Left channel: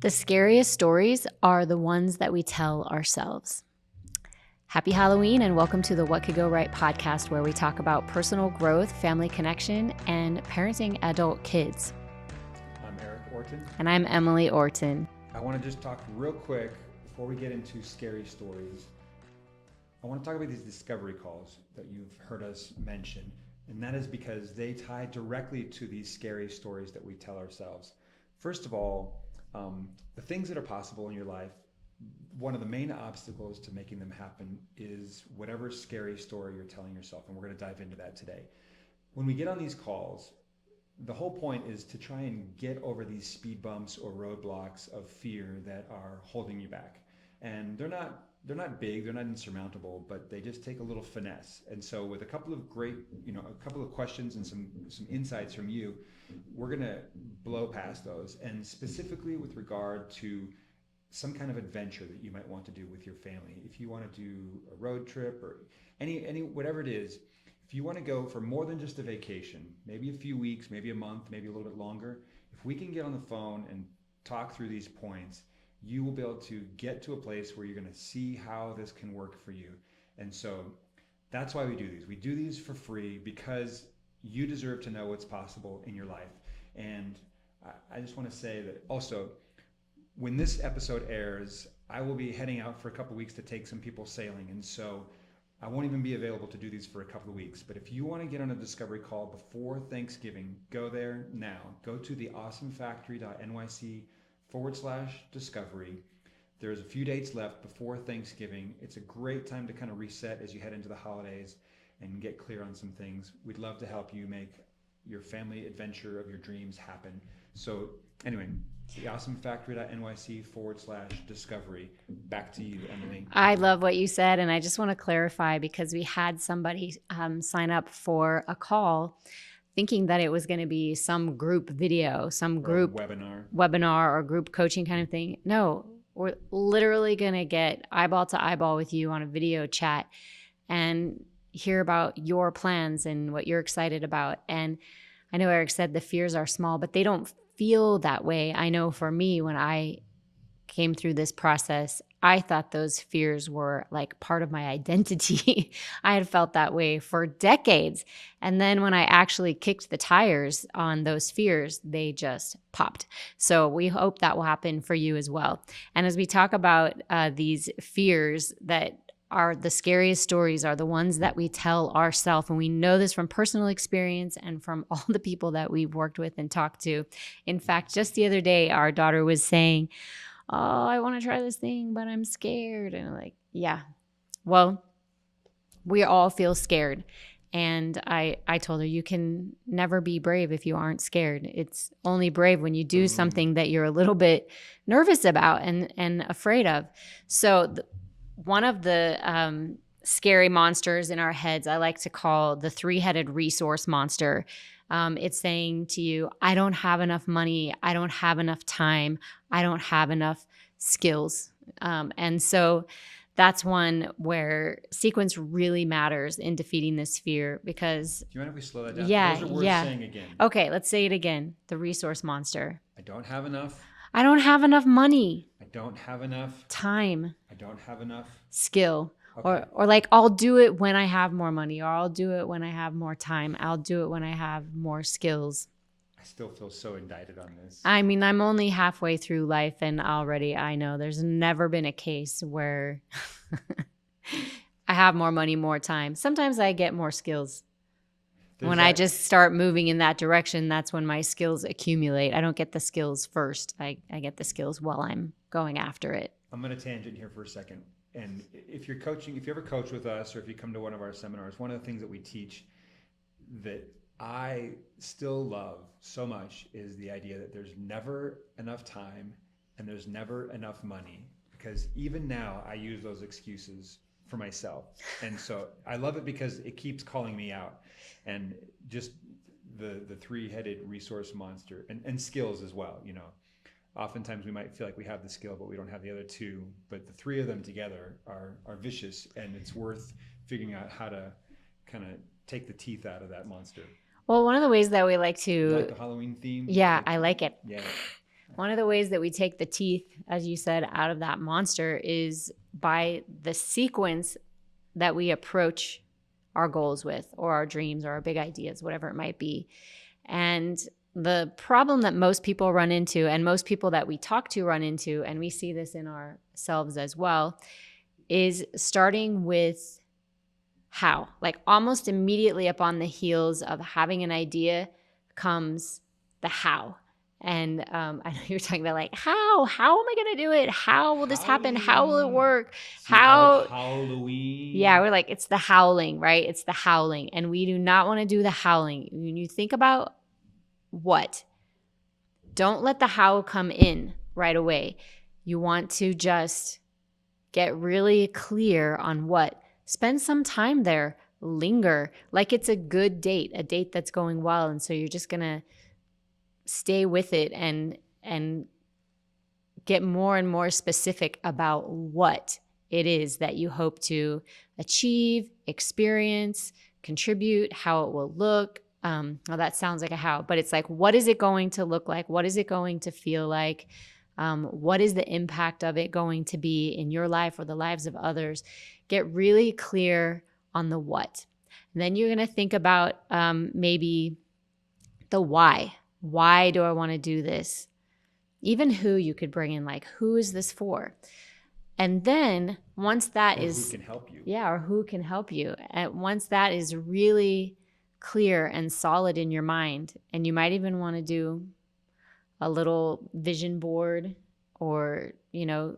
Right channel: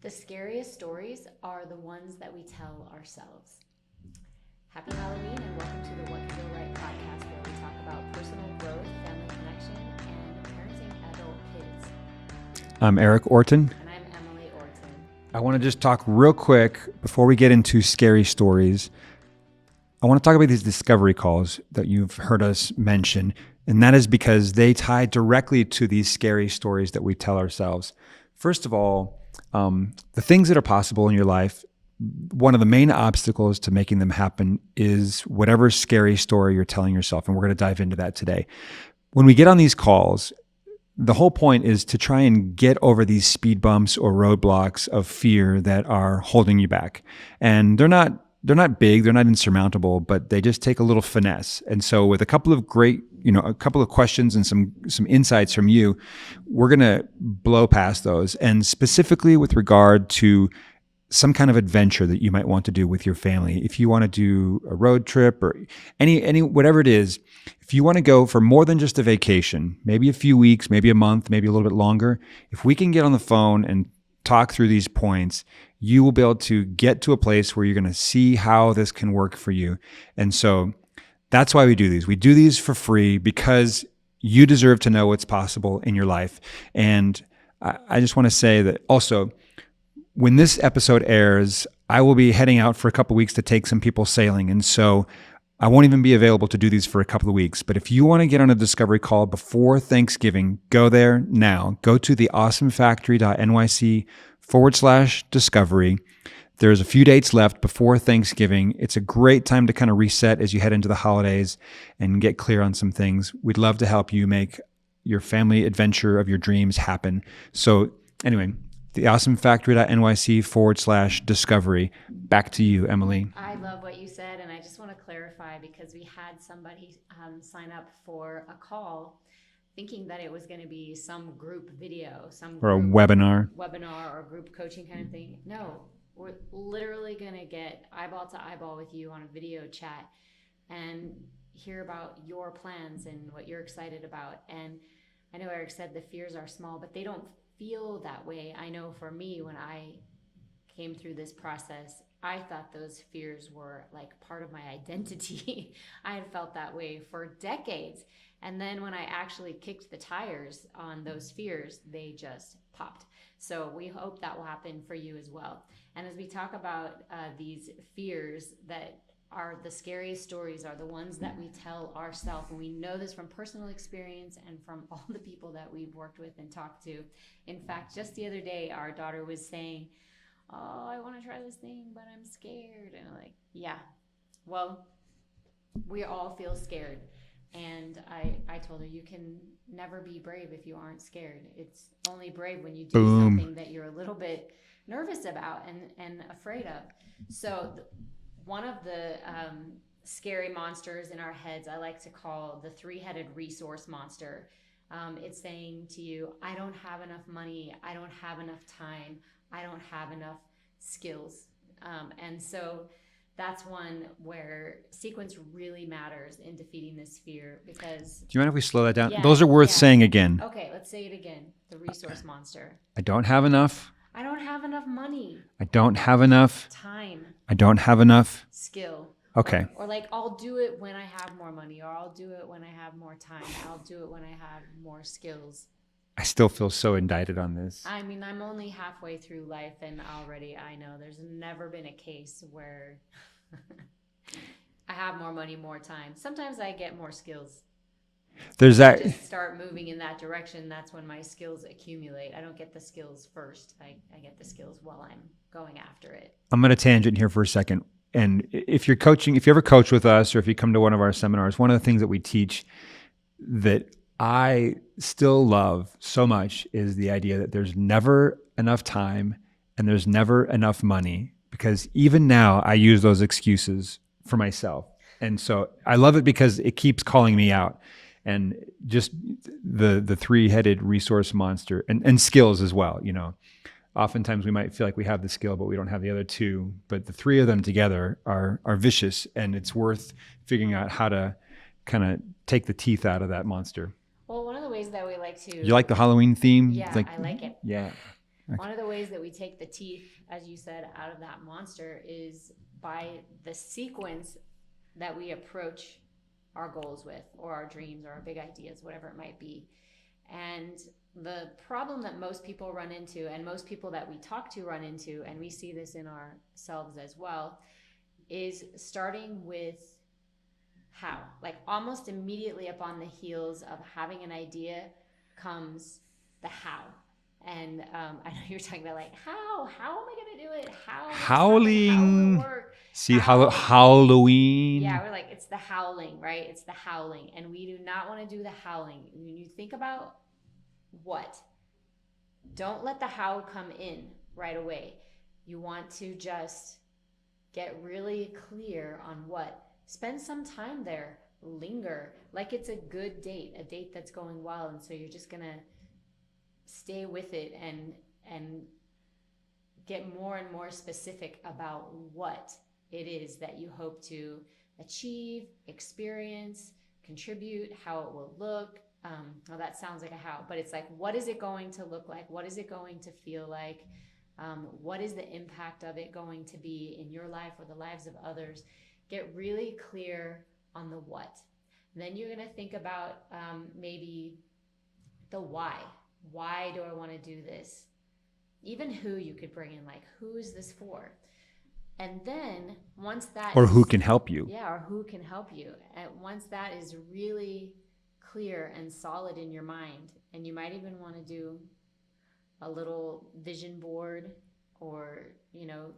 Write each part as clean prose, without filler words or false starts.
The scariest stories are the ones that we tell ourselves. Happy Halloween and welcome to the What Could Go Right podcast, where we talk about personal growth, family connection, and parenting adult kids. I'm Eric Orton. And I'm Emily Orton. I want to just talk real quick before we get into scary stories. I want to talk about these discovery calls that you've heard us mention, and that is because they tie directly to these scary stories that we tell ourselves. First of all, the things that are possible in your life, one of the main obstacles to making them happen is whatever scary story you're telling yourself, and we're going to dive into that today. When we get on these calls, the whole point is to try and get over these speed bumps or roadblocks of fear that are holding you back. And they're not big, they're not insurmountable, but they just take a little finesse. And so with a couple of great, a couple of questions and some insights from you, we're going to blow past those. And specifically with regard to some kind of adventure that you might want to do with your family. If you want to do a road trip or any whatever it is, if you want to go for more than just a vacation, maybe a few weeks, maybe a month, maybe a little bit longer, if we can get on the phone and talk through these points, you will be able to get to a place where you're going to see how this can work for you. And so that's why we do these. We do these for free because you deserve to know what's possible in your life. And I just want to say that also, when this episode airs, I will be heading out for a couple of weeks to take some people sailing. And so I won't even be available to do these for a couple of weeks. But if you want to get on a discovery call before Thanksgiving, go there now. Go to theawesomefactory.nyc/discovery. There's a few dates left before Thanksgiving. It's a great time to kind of reset as you head into the holidays and get clear on some things. We'd love to help you make your family adventure of your dreams happen. So anyway, theawesomefactory.nyc/discovery. Back to you, Emily. I love what you said, and I just want to clarify because we had somebody sign up for a call thinking that it was going to be some group video, Or a webinar or group coaching kind of thing. No, we're literally going to get eyeball to eyeball with you on a video chat and hear about your plans and what you're excited about. And I know Eric said the fears are small, but they don't feel that way. I know for me, when I came through this process, I thought those fears were like part of my identity. I had felt that way for decades. And then when I actually kicked the tires on those fears, they just popped. So we hope that will happen for you as well. And as we talk about these fears that are the scariest stories are the ones that we tell ourselves. And we know this from personal experience and from all the people that we've worked with and talked to. In fact, just the other day, our daughter was saying, "Oh, I want to try this thing, but I'm scared." And I'm like, yeah, well, we all feel scared. And I told her, you can never be brave if you aren't scared. It's only brave when you do something that you're a little bit nervous about and afraid of. So one of the scary monsters in our heads, I like to call the three-headed resource monster. It's saying to you, I don't have enough money. I don't have enough time. I don't have enough skills. And so that's one where sequence really matters in defeating this fear because... Do you mind if we slow that down? Yeah, Those are worth saying again. Okay, let's say it again. The resource monster. I don't have enough. I don't have enough money. I don't have enough time. I don't have enough skill. Okay. Or like, I'll do it when I have more money, or I'll do it when I have more time. I'll do it when I have more skills. I still feel so indicted on this. I mean, I'm only halfway through life and already I know there's never been a case where I have more money, more time. Sometimes I get more skills. I just start moving in that direction, that's when my skills accumulate. I don't get the skills first. I get the skills while I'm going after it. I'm going to tangent here for a second. And if you ever coach with us or if you come to one of our seminars, one of the things that we teach that I still love so much is the idea that there's never enough time and there's never enough money, because even now I use those excuses for myself. And so I love it because it keeps calling me out. And just the three-headed resource monster and skills as well. Oftentimes we might feel like we have the skill, but we don't have the other two. But the three of them together are vicious, and it's worth figuring out how to kind of take the teeth out of that monster. Well, one of the ways that we like to... You like the Halloween theme? Yeah, I like it. Yeah. One of the ways that we take the teeth, as you said, out of that monster is by the sequence that we approach our goals with, or our dreams, or our big ideas, whatever it might be. And the problem that most people run into, and most people that we talk to run into, and we see this in ourselves as well, is starting with how. Like almost immediately upon the heels of having an idea comes the how. And I know you're talking about like, how am I going to do it? How will this happen? How will it work? See, Halloween. Yeah, we're like, it's the howling, right? It's the howling. And we do not want to do the howling. When you think about what, don't let the how come in right away. You want to just get really clear on what. Spend some time there. Linger like it's a good date, a date that's going well. And so you're just going to stay with it and get more and more specific about what it is that you hope to achieve, experience, contribute, how it will look. Well, that sounds like a how, but it's like, what is it going to look like? What is it going to feel like? What is the impact of it going to be in your life or the lives of others? Get really clear on the what. And then you're going to think about maybe the why. Why do I want to do this? Even who you could bring in, like, who is this for? And then once that or who can help you. Yeah, or who can help you. And once that is really clear and solid in your mind, and you might even want to do a little vision board, or, you know,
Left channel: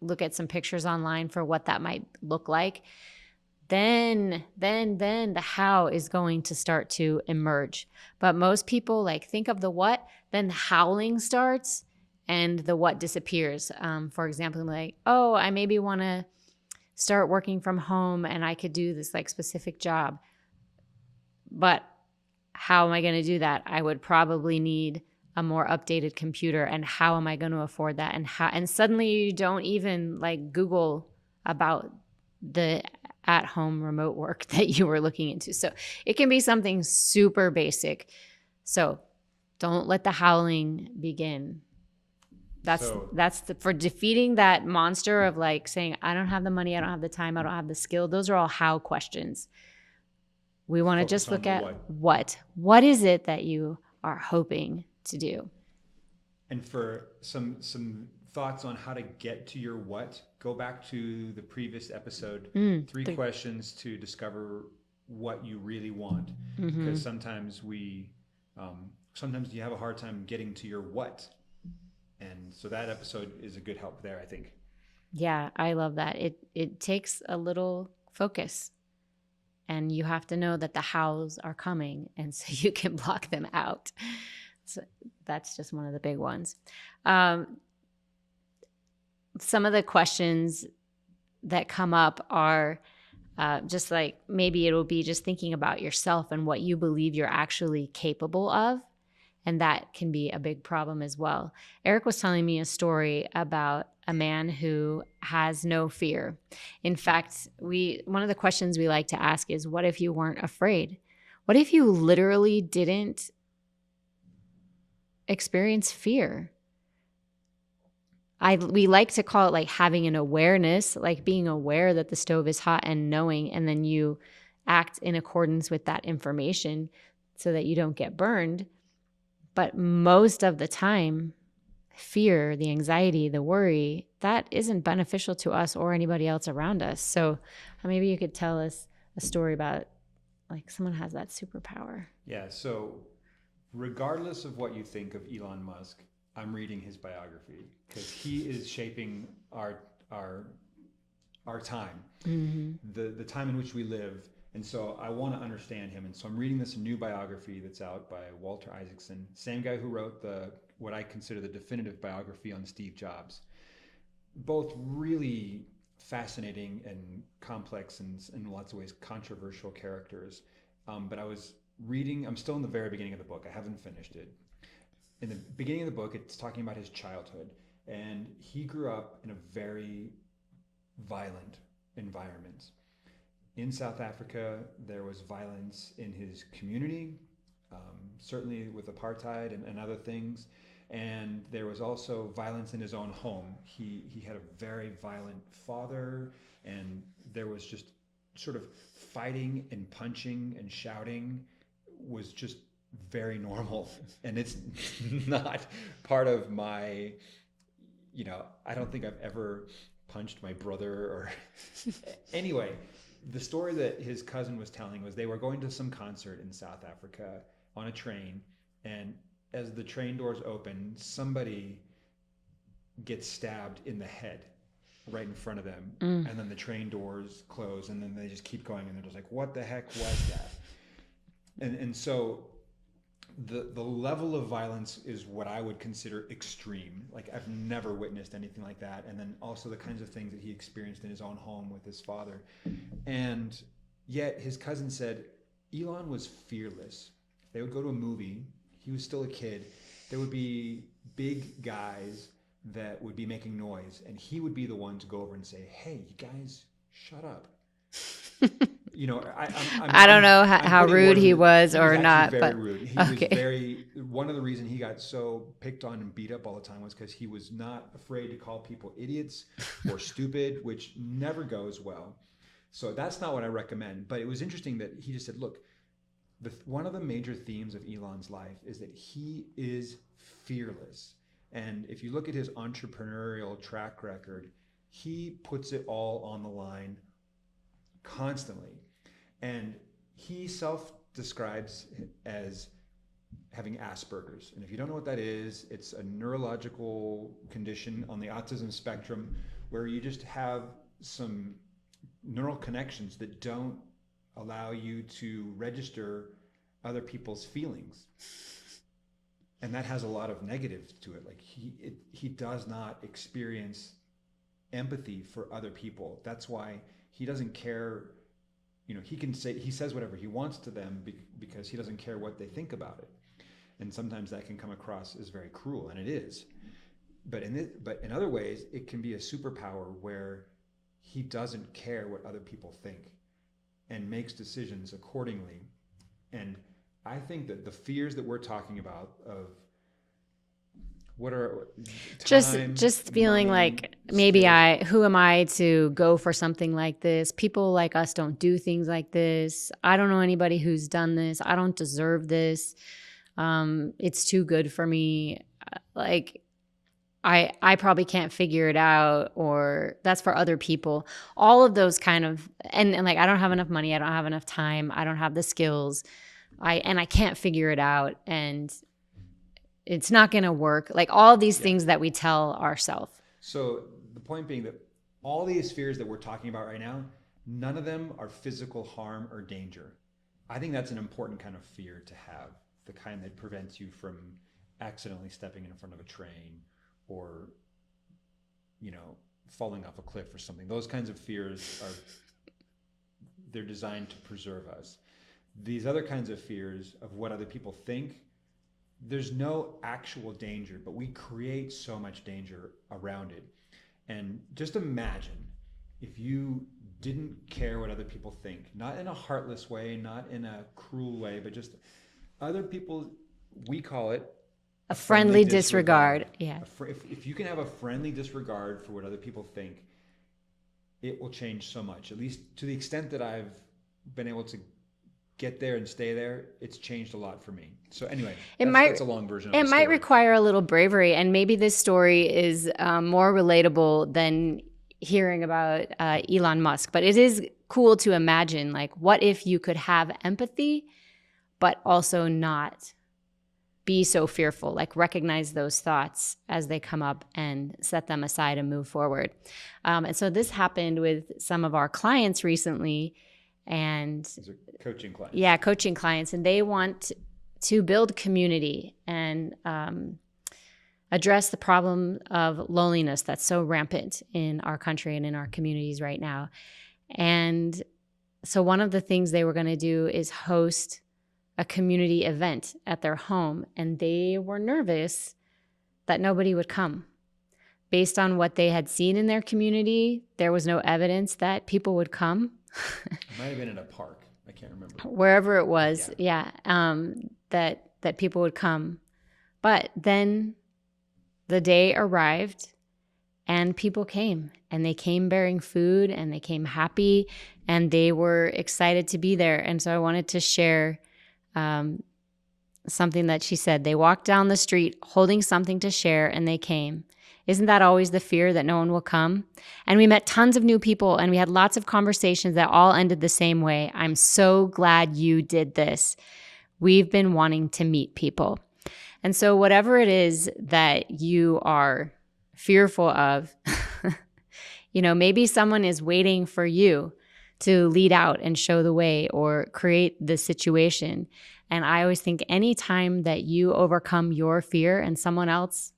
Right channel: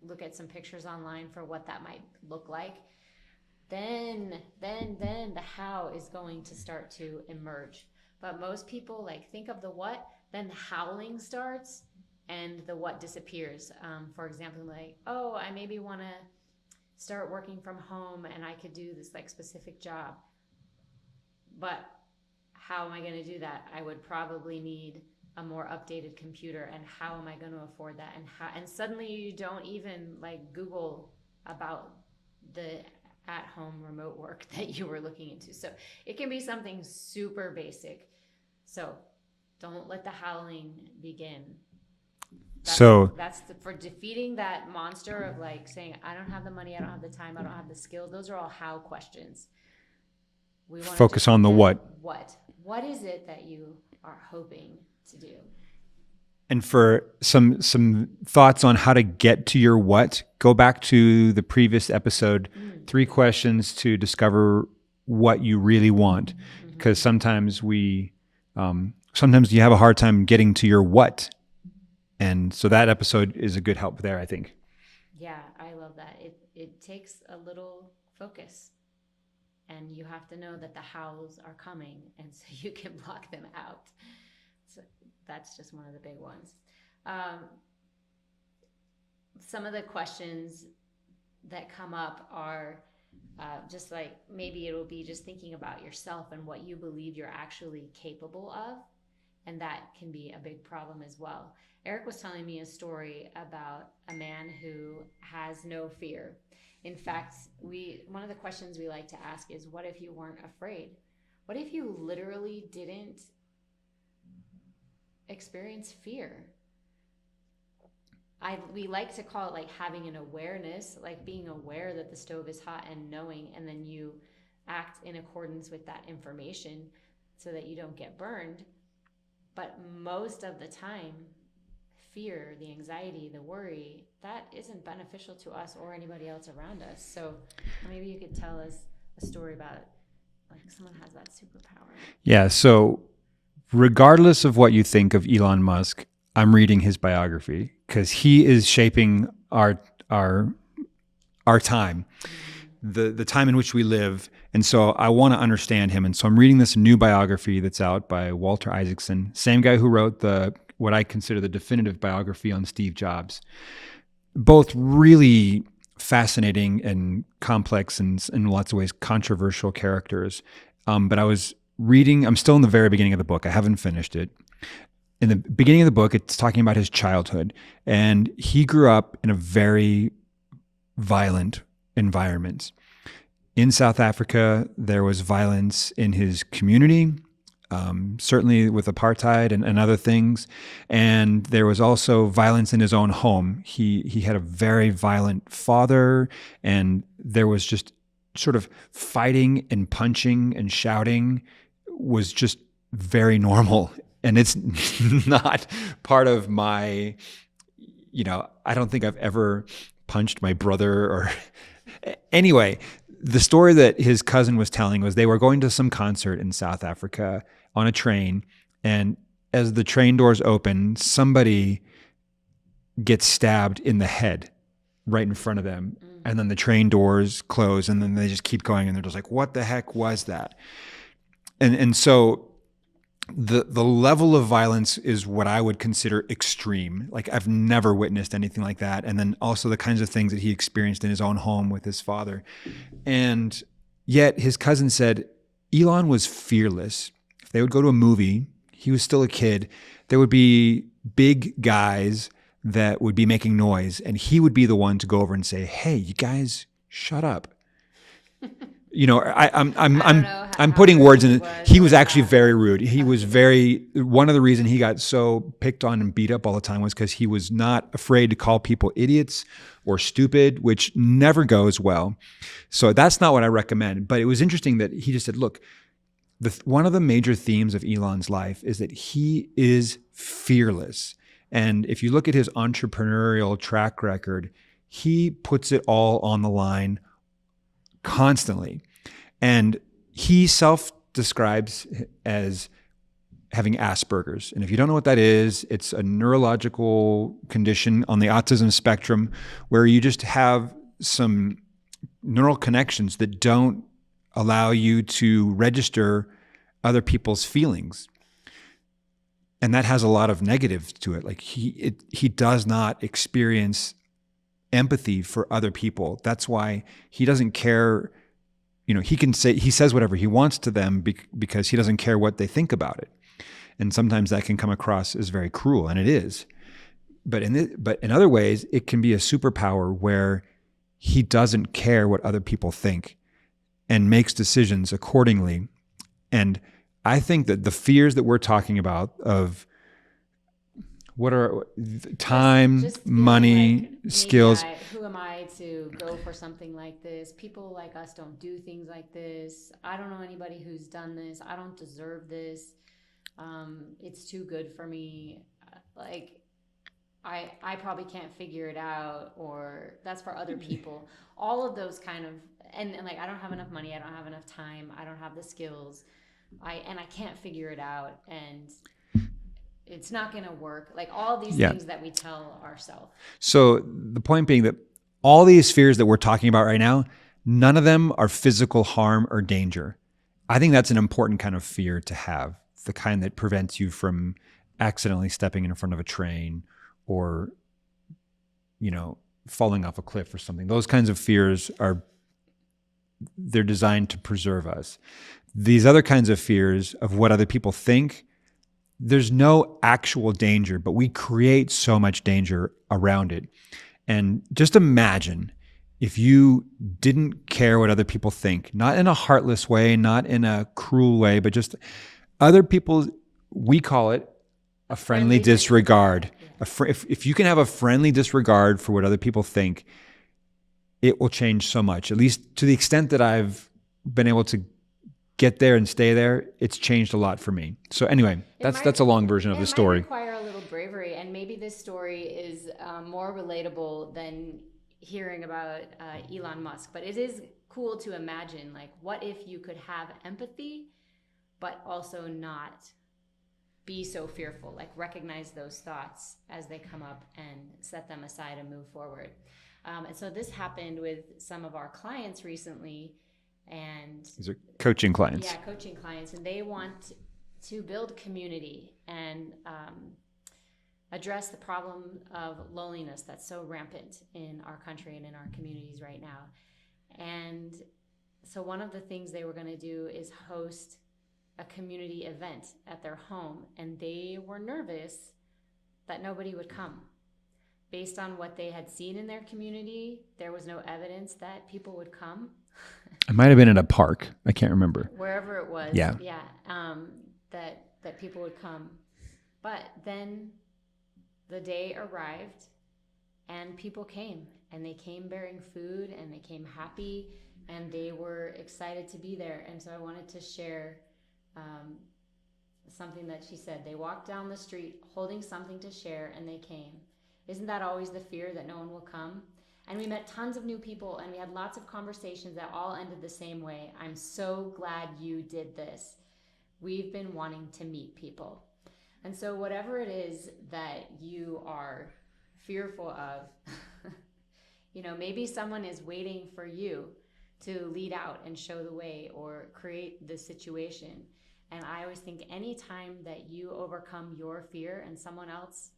look at some pictures online for what that might look like. Then the how is going to start to emerge. But most people like think of the what, then the howling starts and the what disappears. For example, like, oh, I maybe want to start working from home and I could do this like specific job. But how am I going to do that? I would probably need a more updated computer, and how am I going to afford that? And suddenly you don't even like Google about the at-home remote work that you were looking into. So it can be something super basic. So don't let the howling begin. That's for defeating that monster of like saying, I don't have the money, I don't have the time, I don't have the skill. Those are all how questions. We want to focus on the what. What is it that you are hoping to do? And for some thoughts on how to get to your what, go back to the previous episode, 3 questions to discover what you really want. Because sometimes sometimes you have a hard time getting to your what. And so that episode is a good help there, I think. Yeah, I love that. It takes a little focus, and you have to know that the hows are coming, and so you can block them out. So that's just one of the big ones. Some of the questions that come up are just like, maybe it'll be just thinking about yourself and what you believe you're actually capable of. And that can be a big problem as well. Eric was telling me a story about a man who has no fear. In fact, one of the questions we like to ask is, what if you weren't afraid? What if you literally didn't experience fear? We like to call it like having an awareness, like being aware that the stove is hot and knowing, and then you act in accordance with that information so that you don't get burned. But most of the time, fear, the anxiety, the worry, that isn't beneficial to us or anybody else around us. So maybe you could tell us a story about like someone has that superpower. Yeah. So regardless of what you think of Elon Musk, I'm reading his biography because he is shaping our time, the time in which we live. And so I want to understand him. And so I'm reading this new biography that's out by Walter Isaacson, same guy who wrote what I consider the definitive biography on Steve Jobs. Both really fascinating and complex and in lots of ways controversial characters. But I'm still in the very beginning of the book. I haven't finished it. In the beginning of the book, it's talking about his childhood. And he grew up in a very violent environment. In South Africa, there was violence in his community. certainly with apartheid and other things. And there was also violence in his own home. He had a very violent father, and there was just sort of fighting and punching and shouting was just very normal. And it's not part of my, I don't think I've ever punched my brother or anyway. The story that his cousin was telling was they were going to some concert in South Africa on a train, and as the train doors open, somebody gets stabbed in the head right in front of them. And then the train doors close, and then they just keep going, and they're just like, what the heck was that? And so the level of violence is what I would consider extreme. Like, I've never witnessed anything like that. And then also the kinds of things that he experienced in his own home with his father. And yet his cousin said Elon was fearless. If they would go to a movie, he was still a kid, there would be big guys that would be making noise, and he would be the one to go over and say, hey, you guys, shut up. I don't know how putting rude words he in. was. He was or actually not, very but- rude. He was one of the reasons he got so picked on and beat up all the time was because he was not afraid to call people idiots or stupid, which never goes well. So that's not what I recommend. But it was interesting that he just said, look, one of the major themes of Elon's life is that he is fearless. And if you look at his entrepreneurial track record, he puts it all on the line constantly. And he self-describes as having Asperger's. And if you don't know what that is, it's a neurological condition on the autism spectrum where you just have some neural connections that don't allow you to register other people's feelings. And that has a lot of negatives to it. Like he does not experience empathy for other people. That's why he doesn't care. He says whatever he wants to them because he doesn't care what they think about it. And sometimes that can come across as very cruel, and it is. But in other ways, it can be a superpower where he doesn't care what other people think and makes decisions accordingly. And I think that the fears that we're talking about of what are time, just feeling money, like maybe skills. who am I to go for something like this? People like us don't do things like this. I don't know anybody who's done this. I don't deserve this. It's too good for me. Like I probably can't figure it out, or that's for other people. All of those kind of, and like, I don't have enough money. I don't have enough time. I don't have the skills. I can't figure it out. And it's not going to work. Like all of these things that we tell ourselves. So the point being that all these fears that we're talking about right now, none of them are physical harm or danger. I think that's an important kind of fear to have, the kind that prevents you from accidentally stepping in front of a train or, falling off a cliff or something. Those kinds of fears they're designed to preserve us. These other kinds of fears of what other people think, there's no actual danger, but we create so much danger around it. And just imagine if you didn't care what other people think, not in a heartless way, not in a cruel way, but just other people, we call it a friendly disregard. Yeah. If you can have a friendly disregard for what other people think, it will change so much. At least to the extent that I've been able to get there and stay there, it's changed a lot for me. So anyway, that's a long version of the story. It might require a little bravery, and maybe this story is more relatable than hearing about Elon Musk. But it is cool to imagine, like, what if you could have empathy, but also not be so fearful, like recognize those thoughts as they come up and set them aside and move forward. And so this happened with some of our clients recently. And these are coaching clients. Yeah, coaching clients. And they want to build community and address the problem of loneliness that's so rampant in our country and in our communities right now. And so one of the things they were going to do is host a community event at their home. And they were nervous that nobody would come. Based on what they had seen in their community, there was no evidence that people would come. It might have been in a park. I can't remember. Wherever it was. Yeah. that people would come. But then the day arrived and people came, and they came bearing food, and they came happy, and they were excited to be there. And so I wanted to share something that she said. They walked down the street holding something to share, and they came. Isn't that always the fear that no one will come? And we met tons of new people, and we had lots of conversations that all ended the same way. I'm so glad you did this. We've been wanting to meet people. And so whatever it is that you are fearful of, maybe someone is waiting for you to lead out and show the way or create the situation. And I always think anytime that you overcome your fear and someone else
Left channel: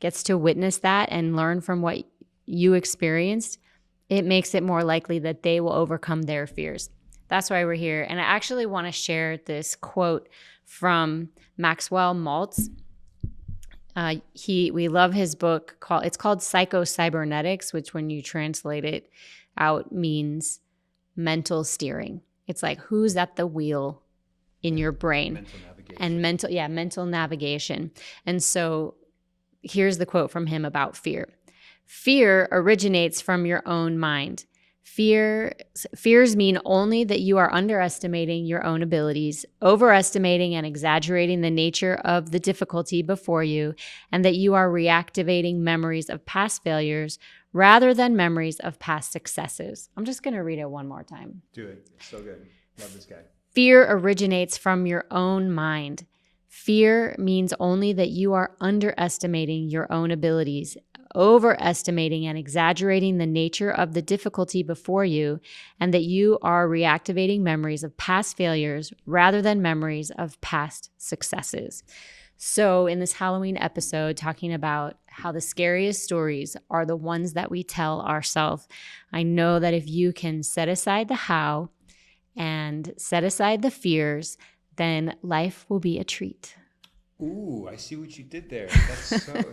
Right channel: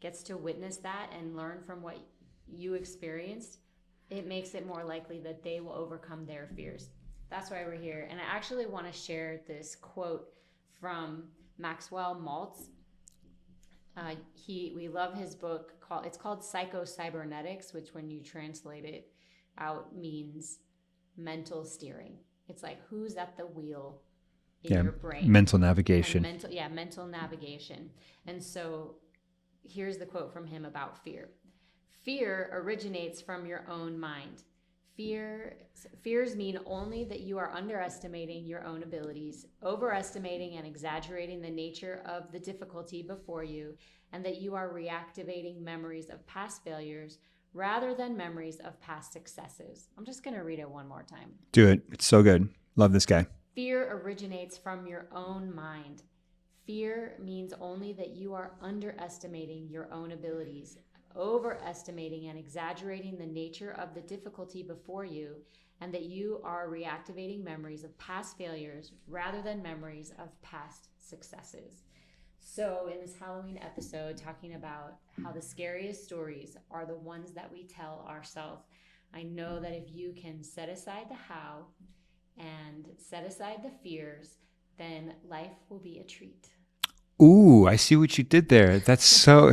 gets to witness that and learn from what you experienced, it makes it more likely that they will overcome their fears. That's why we're here. And I actually want to share this quote from Maxwell Maltz. We love his book. It's called Psycho-Cybernetics, which when you translate it out means mental steering. It's like who's at the wheel in your brain. Mental navigation. And mental navigation. And so here's the quote from him about fear. Fear originates from your own mind. Fears mean only that you are underestimating your own abilities, overestimating and exaggerating the nature of the difficulty before you, and that you are reactivating memories of past failures rather than memories of past successes. I'm just going to read it one more time. Do it. It's so good. Love this guy. Fear originates from your own mind. Fear means only that you are underestimating your own abilities, overestimating and exaggerating the nature of the difficulty before you, and that you are reactivating memories of past failures rather than memories of past successes. So in this Halloween episode, talking about how the scariest stories are the ones that we tell ourselves, I know that if you can set aside the how and set aside the fears, then life will be a treat. Ooh, I see what you did there. That's so...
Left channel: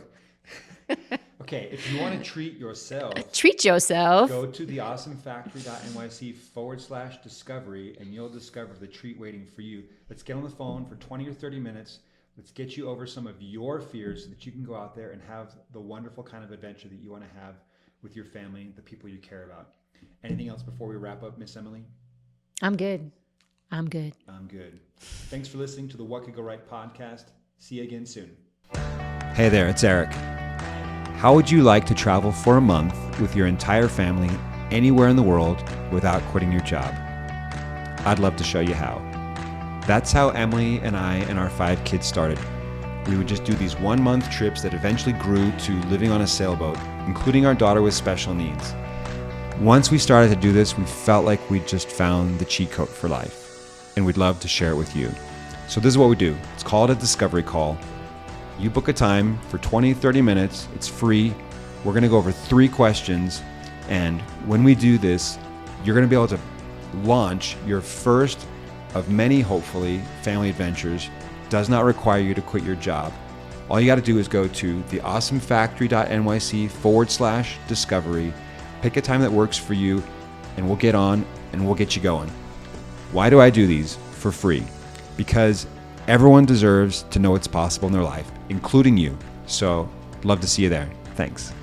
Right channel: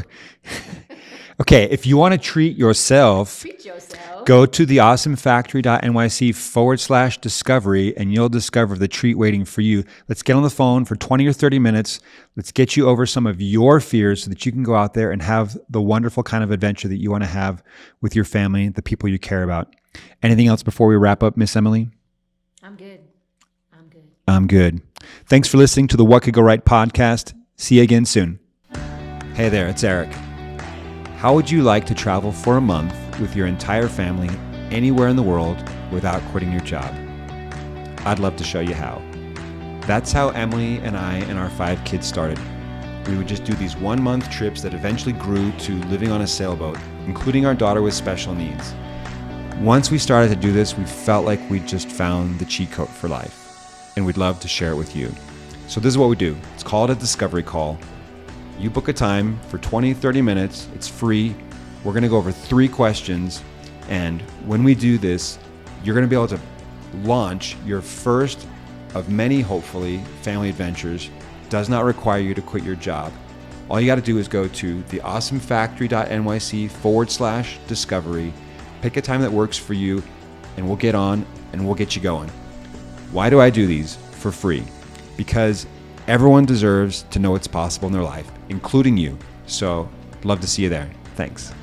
Okay, if you want to treat yourself, go to theawesomefactory.nyc/discovery and you'll discover the treat waiting for you. Let's get on the phone for 20 or 30 minutes. Let's get you over some of your fears so that you can go out there and have the wonderful kind of adventure that you want to have with your family, the people you care about. Anything else before we wrap up, Miss Emily? I'm good. Thanks for listening to the What Could Go Right podcast. See you again soon. Hey there, it's Eric. How would you like to travel for a month with your entire family anywhere in the world without quitting your job? I'd love to show you how. That's how Emily and I and our 5 kids started. We would just do these 1-month trips that eventually grew to living on a sailboat, including our daughter with special needs. Once we started to do this, we felt like we'd just found the cheat code for life, and we'd love to share it with you. So this is what we do. It's called a discovery call. You book a time for 20, 30 minutes. It's free. We're going to go over 3 questions. And when we do this, you're going to be able to launch your first of many, hopefully, family adventures. Does not require you to quit your job. All you got to do is go to theawesomefactory.nyc/discovery, pick a time that works for you, and we'll get on and we'll get you going. Why do I do these for free? Because everyone deserves to know what's possible in their life, including you. So, love to see you there. Thanks.